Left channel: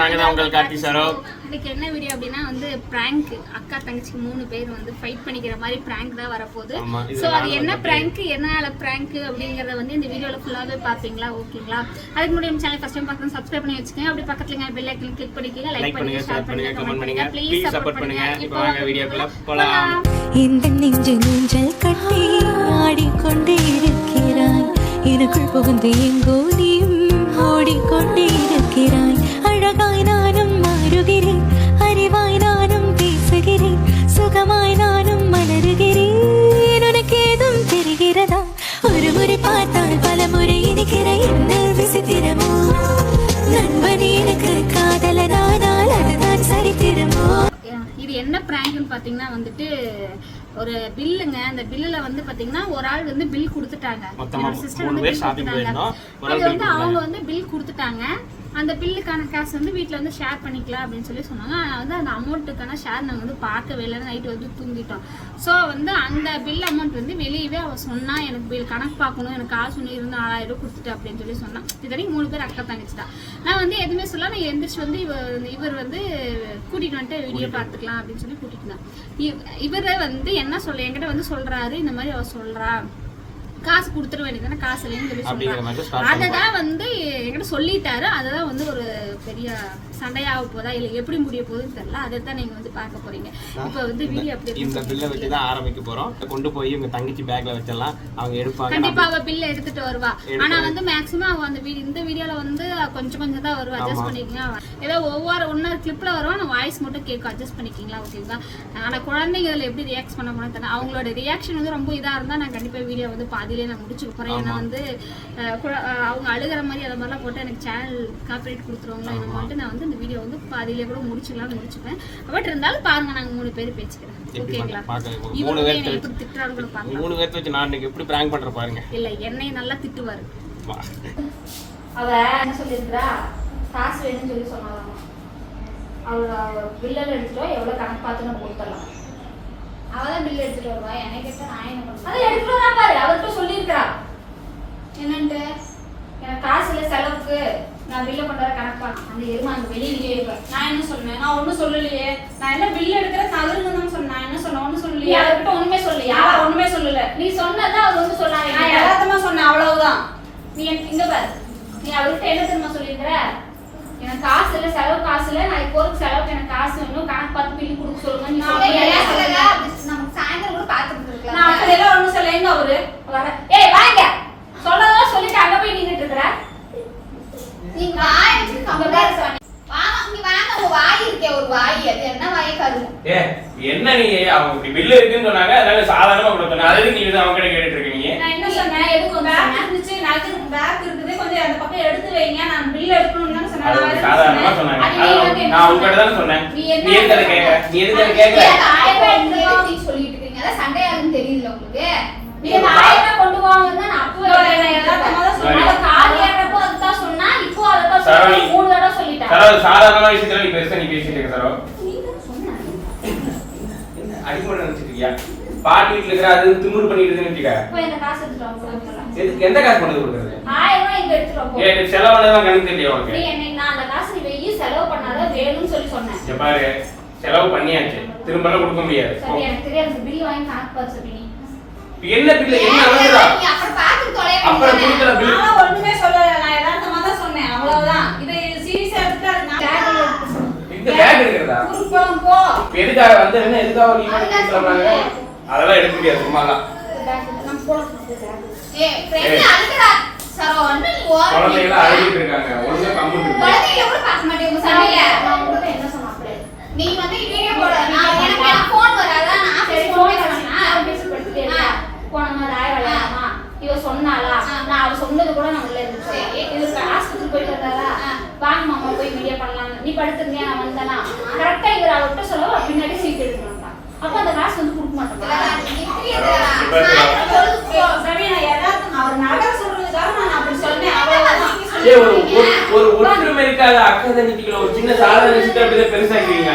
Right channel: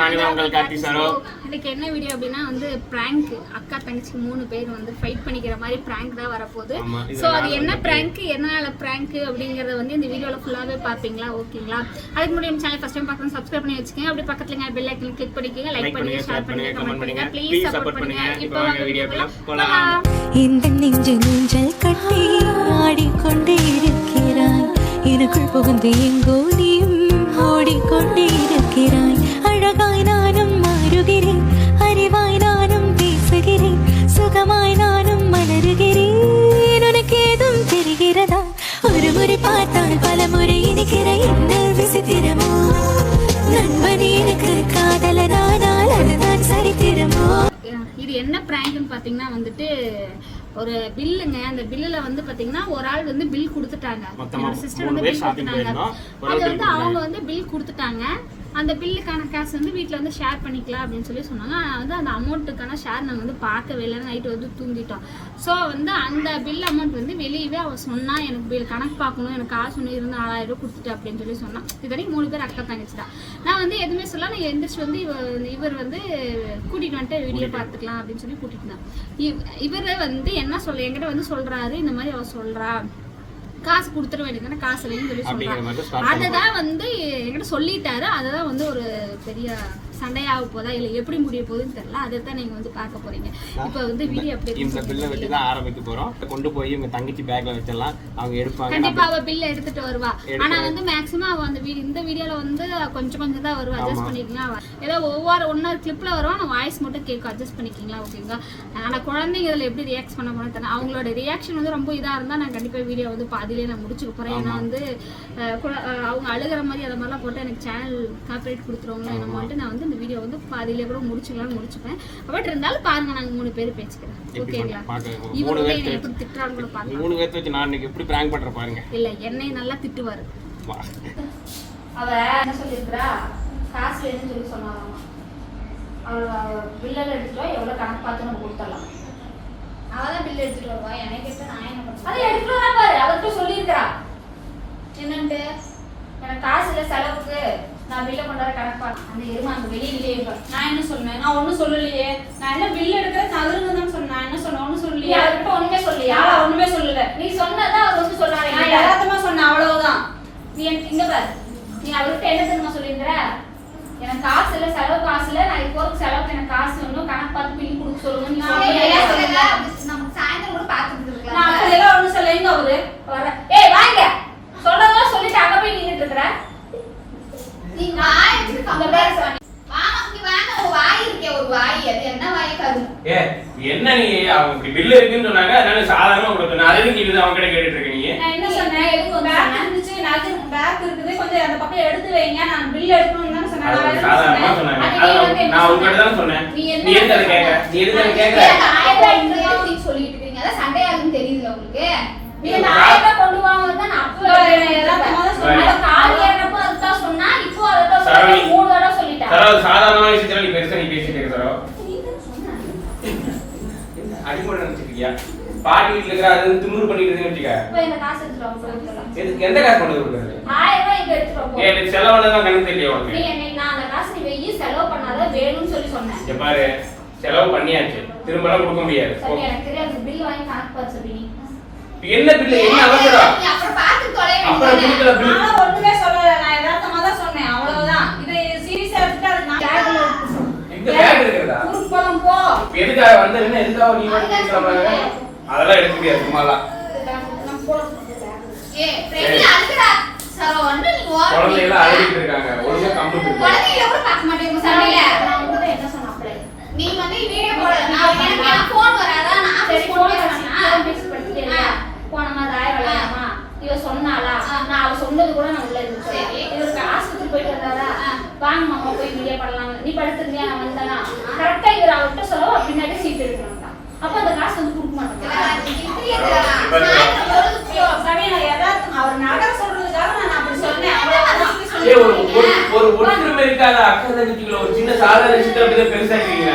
நாங்க தான் உங்கள் கார்த்தி சரோ. இதுக்கு என்ன வீடியோ அப்படின்னா வந்து பிராங்க் அக்கா தங்கச்சி மூணு பேர் வந்து ஃபைட் பண்ணிக்கிற மாதிரி பிராங்க் தான் வரப்போகுது. ஸோ அது என்ன பிராங்க் என்னால பிராங்க் அப்படிங்கறத வந்து இந்த வீடியோல ஃபுல்லாவே பாப்பீங்களா ஓகேங்களா அதுக்கு முன்னாடி நம்ம சேனல் ஃபர்ஸ்ட் டைம் பார்க்கணும் சப்ஸ்கிரைப் பண்ணி வச்சுக்கோங்க. அப்படி பக்கத்துல பெல் ஐக்கன் கிளிக் பண்ணிக்கோங்க. லைக் பண்ணுங்க ஷேர் பண்ணுங்க கமெண்ட் பண்ணுங்க. ப்ளீஸ் சப்போர்ட் பண்ணுங்க. இப்போ வாங்க வீடியோக்குள்ள போலாம். போலாம். இந்த நெஞ்சு நெஞ்சல் கட்டி ஆடிக்கொண்டே இருக்கிறாய். எனக்குள் புகுந்து எங்கோ நீயும் ஓடிக்கொண்டே இருக்கிறாய். அழகாய் நானும் மாறுகிறேன். அறிவாய் நானும் பேசுகிறேன். சுகமாய் நானும் மலருகிறேன். உனக்கு ஏதும் தெரிகிறதா? ஒரு முறை பார்த்தால் பல முறை இனிக்கிற என்ன விசித்திரமோ? நண்பன் எனக்கு காதலனானால் அதுதான் சரித்திரமோ? இது என்ன பிராங்க்னு பாத்தீங்கன்னா வந்துட்டு ஒரு பில்லுங்க. அந்த பில்லுல வந்து பாத்தீங்கன்னா ஒரு ஆள் வந்து பில் கொடுத்துட்டாங்க. என்னோட சிஸ்டர் வந்து பில் கொடுத்துட்டாங்க. அது bill வந்து. அவங்க வந்து பில் கொடுத்துட்டாங்க. அந்த பில்லுக்கான காசு வந்து வீட்ல வந்து ஷேர் பண்ணிக்கலாம் அப்படின்னு சொல்லி சொன்னாங்க. வந்து அந்த அமௌண்ட்டுக்கான ஷேர் நாங்க வந்து பார்க்கவே இல்லை. நைட்டு வந்து தூங்கிட்டோம். ஸோ வந்து அந்த பில் அமௌண்ட் வந்து வெளியவே அவ சொன்னா எனக்கு பில் கணக்கு பார்க்கணும். எனக்கு காசு ஒன்று இருந்து நாலாயிரம் ரூபாய் கொடுத்துட்டு அப்படின்னு சொல்லி சொன்னான் இதனைக்கு மூணு பேர் அக்கா தங்கச்சி தான் நான் வந்து எதுவுமே சொல்ல நான் எந்திரிச்சு வந்து இவர் இவர் வந்து கூட்டிட்டு வந்துட்டு வீடியோ பார்த்துக்கலாம் அப்படின்னு சொல்லி கூட்டிட்டு வந்தான். இவ் இவரை வந்து என்ன சொல்ல என்கிட்ட வந்து சொல்றாரு. இந்த மாதிரி அவ சொல்றா. காசு கொடுத்துட வேண்டியதானே காசு இல்லைன்னு சொல்லி start அதை தான் வந்து என்கிட்ட சொல்லிட்டாரு. அதை தான் வந்து ஒரு பெரிய சண்டையாக போதா இல்லை எப்படி முடிய போகுதுன்னு தெரியல. அதை தான் நீங்க வந்து பார்க்க போறீங்க. இப்போ வந்து வீடியோ அப்படி இந்த பில்லை வச்சு தான் ஆரம்பிக்க போறோம். கொண்டு போய் உங்க தங்கச்சி பேக்ல வச்சிடலாம். அவங்க எடுப்பாங்க. கண்டிப்பா நம்ம- அவ பில் எடுத்துட்டு வருவா. எடுத்து- ஆனா வந்து மேக்ஸிமம் அவ அந்த வீடியோ இந்த வீடியோல வந்து கொஞ்சம் கொஞ்சம் தான் வருவா அட்ஜஸ்ட் பண்ணிக்கங்க அவ ஏதோ ஒவ்வொரு ஒன்னொரு கிளிப்ல வருவா நான் வாய்ஸ் மட்டும் கேட்கும் அட்ஜஸ்ட் பண்ணிக்கிங்களா ஓகேங்களா ஆனா குழந்தைங்க இதுல எப்படி ரியாக்ட் பண்ண போனா தெரியல. அவங்களோட ரியாக்ஷன் வந்து ரொம்ப இதா இருந்தா நான் கண்டிப்பா வீடியோ வந்து பாதியிலே நான் முடிச்சுக்க போறேன். ஏன்னா வந்து அவங்க அழுகிற மாதிரி அதை மாதிரிலாம் போட்டு எனக்கு சேனல் காப்பரேட் கொடுத்துருவாங்களா என்ன நான் வந்து இந்த வீடியோ வந்து பாதியிலே கூட முடிச்சுக்கலாம்னு முடிச்சுப்பேன். பட் இருந்தாலும் பாருங்க நாங்க மூணு பேர் பேசிக்கிறேன் எப்படி ஓகேங்களா மூணு பேர் எப்படி திட்டுறான்னு கூட பாருங்க மூணு பேர்த்த வச்சு நான் இன்னைக்கு எப்படி பிராங்க் பண்ற பாருங்க. இல்ல என்னை நல்லா திட்டுவாரு. அவ என்ன சொல்லியிருக்கிறா? காசு வேணும்னு சொல்லி சொன்னாலாம் அவளோட பில்லெல்லாம் எடுத்துட்டு வா, எவ்வளவு கணக்கு பார்த்து நம்ம கொடுத்துடலாம். அவ தான் பில் எடுத்துட்டு வருவா. என்னை கேட்டா நான் என்ன பண்ணுவேன் அதை வரா பாரு. அவர்கிட்ட சொல்லியிருக்கிறா. என்னன்ட்டு? எனக்கு காசு இல்லை செலவுக்கு. நான் பில்லை கொண்டாட கணக்கு பார்க்க அந்த எருமா அங்க வெளியிலேயே இருப்பேன் நான் என்ன சொன்னேன் நான் ஒன்றும் சொல்லலையே. நான் என்ன பில் எடுக்கிறேன் நகருங்க தான் சொன்னேன் நான் என்ன சொன்னேன்? ஒன்றும் சொல்லலையே. அவர்கிட்ட ஒண்ணுமே சொல்லலையா? ஒண்ணுமே சொல்லல. நீ சொன்னதான் அவர் வந்து சொன்னாங்க நான் யதார்த்தமா சொன்னேன். அவ்வளவுதான். நீ எனக்கு இங்க பாரு. நீ அவர்கிட்ட என்ன தெரியுமா சொல்லியிருக்கிற? எனக்கு காசு இல்ல செலவு காசு இல்ல. நான் இப்போ செலவுக்கு எனக்கு காசு வேணும். கணக்கு பார்த்து பில் கொடுக்க சொல்லுங்க நீ சொன்னீங்க. நான் அப்படியெல்லாம் ஒண்ணும் சொல்லல எங்க அவரு வர ஏய் வாங்க சொல்றதெல்லாம் சொல்லிட்டு அங்க போய் நின்னுட்டு இருக்கற அங்க பாரு சாமி. ஏ என்ன நீ? அவங்க பில்லு இருக்குன்னு சொன்னாங்க அதனால சாதாரணமா கொடுக்கணும் அது அவங்க கிட்ட கேட்டுட்டு இருக்க நீங்க நான் என்ன சொன்னேன்? எதுக்கு வந்து பேக் சொன்னேன்? இருந்துச்சு நகர் பேக் இருக்குது. கொஞ்சம் அந்த பக்கம் எடுத்து வைங்க. நான் பில் எடுக்கணும்னு தானே சொன்னேன். அது நான் அவங்க எதுக்கு சாதாரணமா? சொன்னாங்க. அது அது நான் உங்ககிட்ட சொன்ன? தானே சொன்னேன். நீ என்ன நீ எதுக்கு அதை நீ அதை தெரியல உங்களுக்கு. ரூபாய் கொண்டு வாங்க தான் நான் அப்பவே தான் சொன்னேன். சொன்னா இப்போ அதுதான் சரவணி. சொல்லி மூணு தடவை சொல்லிட்டேன். சரோ சாதாரணமான விஷயத்துல நீ பெருசா நீ பேசிட்டு இருக்க சரோ அடிமொழி நினைச்சிருக்கியா பாட்டி வீட்டுல இருக்கிற அது திமுரு பண்ணிட்டு இருக்குன்னு வச்சுக்க எதுக்கு? எந்த காசு கொண்டு கொடுக்குறது? ஆயிரம் ரூபாய் இங்க எடுத்துட்டு வா, போ. ஏ இது செலவானதான் கணக்கு தெரியல நீ உனக்கு என்னை நான் அந்த காசு நீ வெய்யி செலவு பண்ணாத வேணும்னு சொல்லி சொன்னேன். இங்க பாரு செலவு பண்ணியாச்சு. திரும்ப எல்லாம் கொடுக்க முடியாது. எனக்கு தெரியாது. பில் வாங்கி கணக்கு பார்த்து சொல்லி. இப்ப என்ன பில்லு? என்ன அளவுடா அப்புறம் ஒண்ணுமே சொல்லல. நான் யதார்த்தமா தான் சொன்னேன் அவ்வளவுதான் இது சீரியஸா எடுத்துட்டு அது நான் பேக்ல எடுத்து சொன்னேன். இந்த பேக் இருக்கிறதா ஊருக்கு போறோம் போ எதுக்காக வந்து என்ன எதுக்காக நீ மட்டும் சொல்றாங்க அதெல்லாம் எடுக்க முடியாது சும்மாலாம். நான் குழந்தைகள் நில்லுடா. அழுகிட்டு இருக்காங்க. ஒழுங்கா கம்ப்யூட்டர் இருக்கு. குழந்தைகளை கூட பார்க்க மாட்டேன் உங்க. நான் உங்ககிட்ட என்ன சொன்னேன் அப்படியே நீ வந்து வீடியோ போட. நான் எனக்கு வராதா? நான் சரி போன் phone பேசுறேனா? பேசி படுத்துட்டேன் ஆ. போன மாதிரி ஆயிரம் விளையாடாமா இவ சொன்னாளா? நான் அவ சொன்னது கூட நான் உள்ள இருந்து சரி. இவருக்கு ஆஸ்பத்திரி போயிட்டு வந்தாரா ஆ. வாங்க மாமா போய் வீடியோ பண்ணலாம் நீ படுத்துருந்தியா நான் வந்தனா? கரெக்டா இவர் அவர்கிட்ட சொல்ல பின்னாடி சீட் எடுக்கணும் அப்ப அந்த காசு வந்து கொடுக்க ஒற்றுமை இருக்காத. அக்கா தங்கச்சிக்குள்ள ஒரு சின்ன சாதாரண விஷயத்தை அப்படிதான் பெருசாக்கிறீங்க.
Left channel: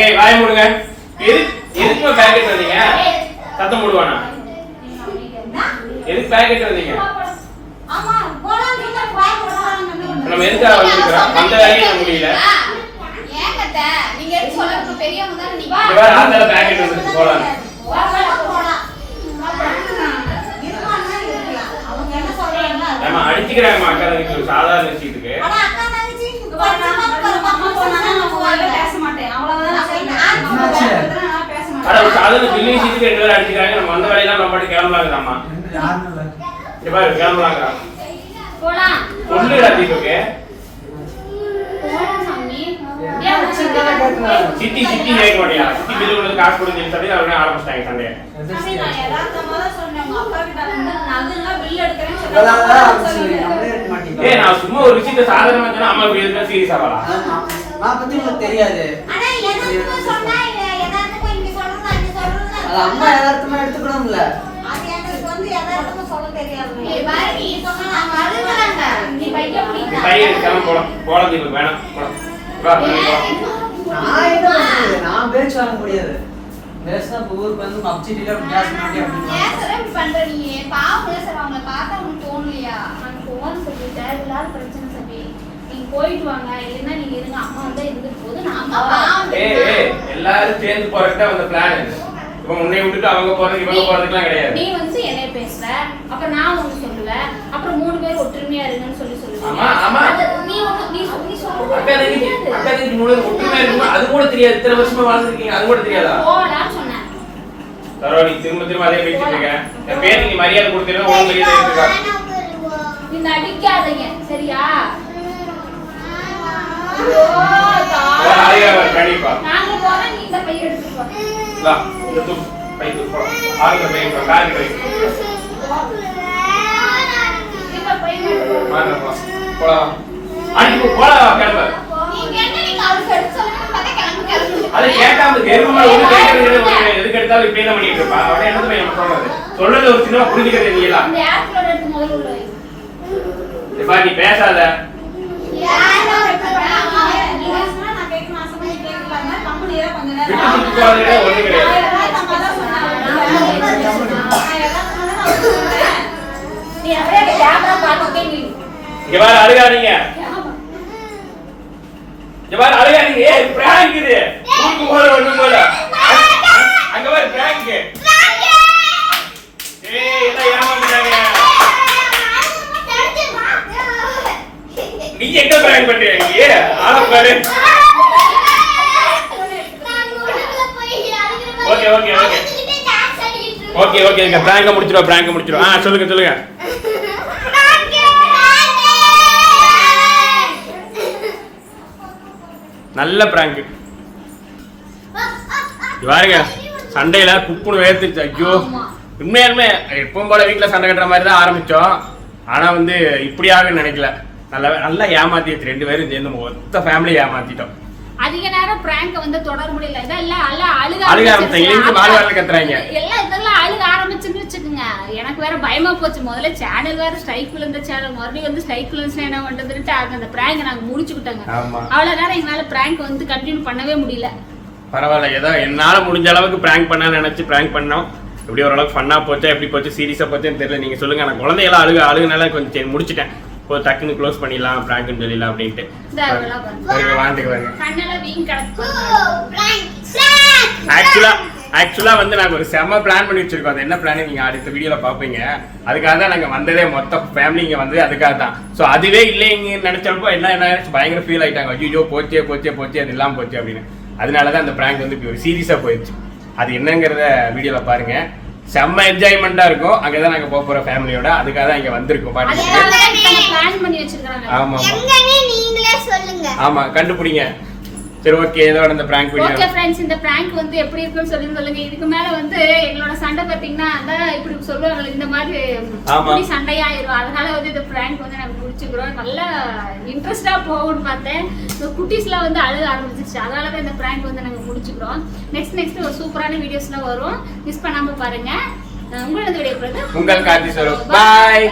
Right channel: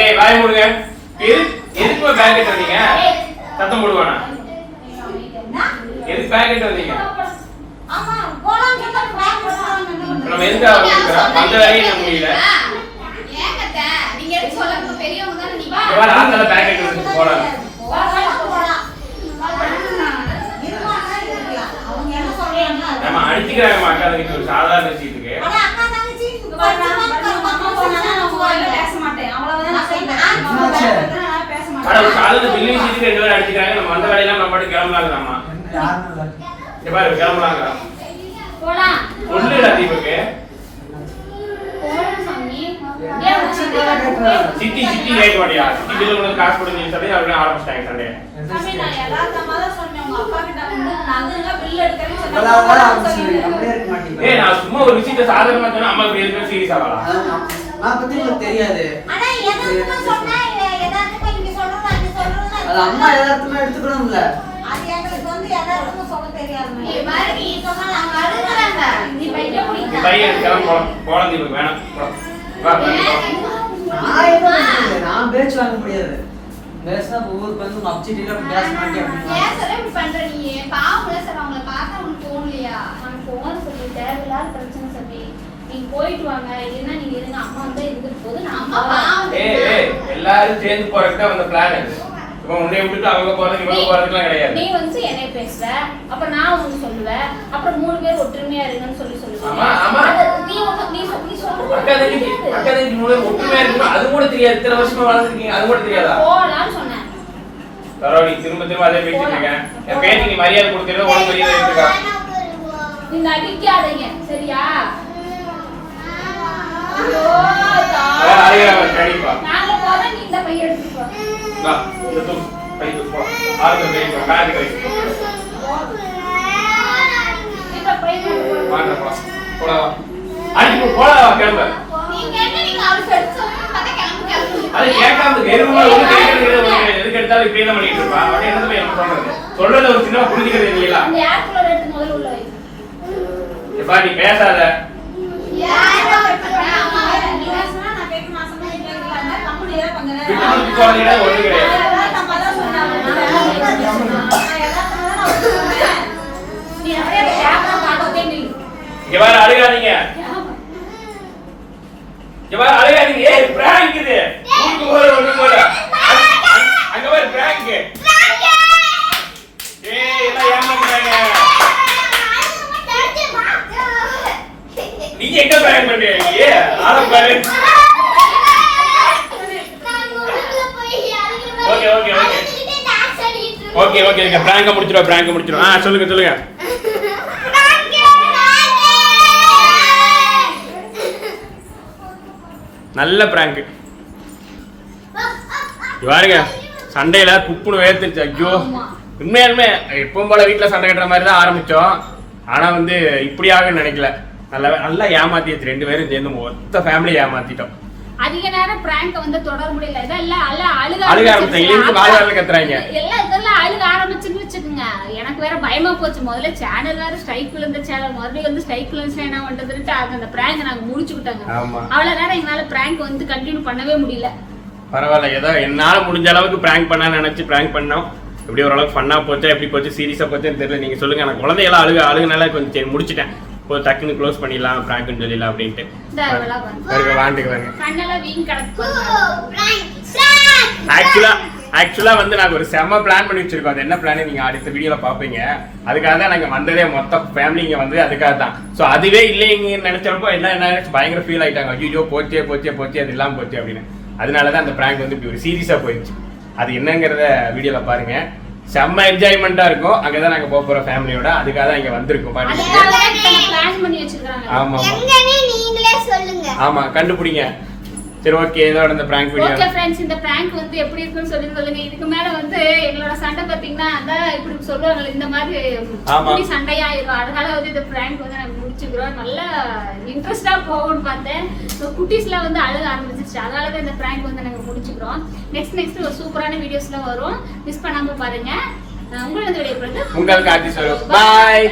ஏய் வாய் மூடுங்க. எது எதுக்கு பேக்கெட் வந்தீங்க? சத்தம் போடுவானா? எதுக்கு பேக்கெட் வந்தீங்க. நம்ம எதுக்காக வந்திருக்கிறோம் வந்த வேலையும் நம்ம முடியல. எதுக்கு ஆந்தால பேக்கெட் எடுத்து போலாம். நம்ம அடிச்சுக்கிறாங்க அக்கா தங்கச்சி ஒரு சாதாரண விஷயத்துக்கு. ஒரு சாதாரண பில்லி விஷயத்துக்கு ரெண்டு பேரும் அடிச்சுக்கிறாங்க. நம்ம வந்த வேலையெல்லாம் நம்ம பாட்டு கிளம்பலாங்கிறாமா சித்தி சித்தி கேட்க மாட்டியா சித்தி பில்லு வந்து காசு கொடுத்து சொல்லி அவருக்கு ஆரம்பிச்சிட்டாங்க சண்டையை. சாமி, நான் சும்மா ஒரு விஷயத்த சாதாரணமா சொன்னா அம்மா இப்படி சீரியஸ் ஆகலாம் நான் பத்தி உங்களுக்கு தெரியாது. அது அம்மா யதார்த்தமா எடுத்துக்கணும்ல அது எங்களுக்கு வந்து யதார்த்தமா சொல்ல தெரியாது. நீ பாரு நீ சொன்னா நான் மறுக்கிறாங்க நீ பையன் கிளம்ப போலாம் போலாம் தீபக் வேணாம் போலாம். நான்? நான் பேச்சு வாங்க முடியாது. பேசினா ஊருக்கு வந்து அப்சிட்டில பேச மாட்டேன் ஏன் பண்ற நீ. பாவம்ல சார் அவங்கள பார்த்தா உனக்கு தோணலையா? நம்ம போகணும் சொல்லி தேவையில்லாத பிரச்சனை சொல்லி. நீங்க போயிட்டு வாங்க இல்லைன்னா நீங்க இருங்க. அம்மா வந்து இருந்துட்டு போது நான் அம்மா பாவம். எல்லாரும் சேர்ந்து போறதுக்கு வந்த பிளான் உன்னை விட்டுட்டு அவங்க போறதுக்கு இவங்க போறதுக்குலாம் கிடையாது. நீ வந்து என்னைய பேசுவ அப்புறம் நான் உனக்கு சொல்லுவேன் அப்புறம் மூணு பேர் ஒற்றுமையா இருங்கன்னு சொல்லி சொல்லுவேன் ஆமா, ஆமா. நீ ஒண்ணு- நீ சொ- நீ சொல்றது அக்கா மூணு பேரும் ஒற்றுமையா இருக்குமா அது கூட தெரியாது. இத்தனை வருஷமா வாழ்ந்துருக்கீங்க அது கூட தெரியாதா? போலான்னு சொன்னேன். தரோ நீ திரும்ப திரும்ப அதே பேசிட்டு இருக்க என் பேருக்கு நீ மரியாதை கொடுத்துருந்தா உனக்கு மரியாதை இருக்கா? நீ நடிக்காதீங்க சரியா? ஐயோ, வேற தா- ஆளுங்க கண்டிப்பா. நாங்க போறோம் நீ இந்த பையன் எடுத்துட்டு போ. வா இந்த தூக்கு பை தூக்கு போலாம் ஆளுங்க பை தூக்கு காதி கை இந்த பையன் எடுத்துட்டு போ. வாங்க போலாம் போலாம் அடிச்சு போ போலாம் கிளம்ப அது கேட்காம எருமை ஒண்ணு கேட்கறது எதுக்கு எடுத்தாலும் இப்படி என்ன பண்ணிட்டு இருப்பா அவன் என்ன போய் எனக்கு சொல்றது சொல்றது ஒரு சின்ன புரிஞ்சுக்கிறது வை. இப்ப நீ பேசாத யாரும் எடுத்து ஆமா, பண்ணாம நீ பேசுனா நான் கேட்க மாட்டேன், நீ கேட்கலாமா? கம்முனியா கொஞ்ச நேரம் விட்டு சுத்தி போறது கிடையாது ஒண்ணு நான் கிடையாது யதார்த்தமா தான் சொன்னேன். நான் யதார்த்தமா தான் அவளுக்கு சொல்றேன். நீ அப்படியே அந்த கேமரா பார்த்துட்டே நில்லு. இங்க வேற அழுகாதீங்க இங்க அழுகாதீங்க ஏய் பிராங்க் இது. ஊருக்கு போல ஒண்ணு போல. அங்க பாரு பிராங்க் ஏய் எல்லாம் ஏமாந்துறாங்க நீ எங்க பிராங்க் பண்ற நீ? Okay okay okay okay okay இங்க பிராங்க முடிச்சிரும் பிராங்க முடிச்சிரும் ஆ சொல்லுங்க சொல்லுங்க. நல்ல பிராங்க் பாருங்க சண்டையில குப்புனு வேர்த்துருச்சு. ஐயோ உண்மையாலுமே எப்பவும் போல வீட்டுல சண்டை கட்டுற மாதிரி தான் ஆரம்பிச்சோம். ஆனா வந்து இப்படியாக நினைக்கல. நல்லா நல்லா ஏமாத்தியாச்சு. ரெண்டு பேரும் சேர்ந்து மொத்த ஃபேமிலி ஏமாத்திட்டோம். அதிக நேரம் பிராங்க வந்து தொடர முடியல. இதான் எல்லாம் அழுக அழுக ஆரம்பிச்சாங்க இருந்து வாழ் வாழ் கத்துறாங்க. எல்லாம் இதெல்லாம் அழுக ஆரம்பிச்சுன்னு வச்சுக்கோங்க. எனக்கு வேற பயமா போச்சு. முதல்ல சேனல் வேற ஸ்ட்ரைக் விழுந்த சேனல் மறுபடியும் வந்து ஸ்ட்ரைக் விழுந்துச்சுன்னா என்ன பண்றதுன்ட்டு அந்த பிராங்க் நாங்க முடிச்சுக்கிட்டோங்க ஆமா. அவ்வளவு நேரம் எங்களால பிராங்க் வந்து கண்டினியூ பண்ணவே முடியல. பரவாயில்ல. ஏதோ என்னால முடிஞ்ச அளவுக்கு பிராங்க் பண்ண நினைச்சு பிராங்க் பண்ணோம். எப்படி ஓரளவுக்கு ஃபன்னா போச்சா எப்படி போச்சு சீரியஸா போச்சுன்னு தெரியல. நீங்க சொல்லுங்க. நான் குழந்தையெல்லாம் அழுக அழுகுனால கொஞ்சம் முடிச்சிட்டேன். இப்போ டக்குன்னு க்ளோஸ் பண்ணிடலாம் பிராங்க்னு சொல்லிடலாம் அப்படின்ட்டு. இந்த அதெல்லாம் பாருங்க. பாருங்க வாண்டுக்கு பாருங்க கண்ணெல்லாம் வீங்கி கிடக்கு. ஆக்சுவலா ஆக்சுவலா வந்து நாங்க ஒரு செம்ம பிளான் பண்ணி வச்சிருக்கோம். அது என்ன பிளான் நீங்க அடுத்த வீடியோல பாப்பீங்க அதுக்காக தான் நாங்க வந்ததே மொத்த ஃபேமிலி இங்க வந்ததே அதுக்காக தான். ஸோ அதுவே இல்லைங்க நினைச்சப்போ எல்லாம் என்ன பயங்கர ஃபீல் ஆயிட்டாங்க. ஐயோ போச்சே போச்சே போச்சே அது இல்லாம போச்சு அப்படின்னு. அதனால தான் அந்த பிராங்க் வந்து இப்படி ஒரு சீரியஸா போயிடுச்சு. அது என்னங்கிறத வீடியோல பாருங்க. செம்ம என்ஜாய்மெண்டா இருக்கும். அங்கதான் நாங்க போக போறோம் ஃபேமிலியோட அதுக்காக தான் இங்க வந்திருக்கோம் பாட்டு ஆமா ஆமா நீங்களே ஆமா கண்டுபிடிங்க. சரி ஓகே இதோட இந்த பிராங்க் வீடியோ ஓகே ஃப்ரெண்ட்ஸ் இந்த prank வந்து எப்படி இருக்குன்னு சொல்லி சொல்லுங்க. இதுக்கு மேல வந்து எங்களோட சண்டை பாத்தீங்கன்னா அதான் இப்படி சொல்லுவாங்க இந்த மாதிரி. இப்படி சண்டையாயிரும். அதனால வந்து இந்த prank வந்து நாங்க முடிச்சுக்கிறோம். நல்லா இன்ட்ரெஸ்டா போகும்னு பார்த்தேன். இந்த குட்டீஸ்லாம் வந்து அழுக ஆரம்பிச்சிச்சு அதனால தான் இந்த prank வந்து நாங்க முடிச்சுக்கிறோம். நெக்ஸ்ட் நெக்ஸ்ட் ஒரு சூப்பரான வீடியோஸ்லாம் வரும். மிஸ் பண்ணாம பாருங்க. அஹ் உங்களோட வீடியோ பிறகு உங்கள் கார்த்தி சார். பாய்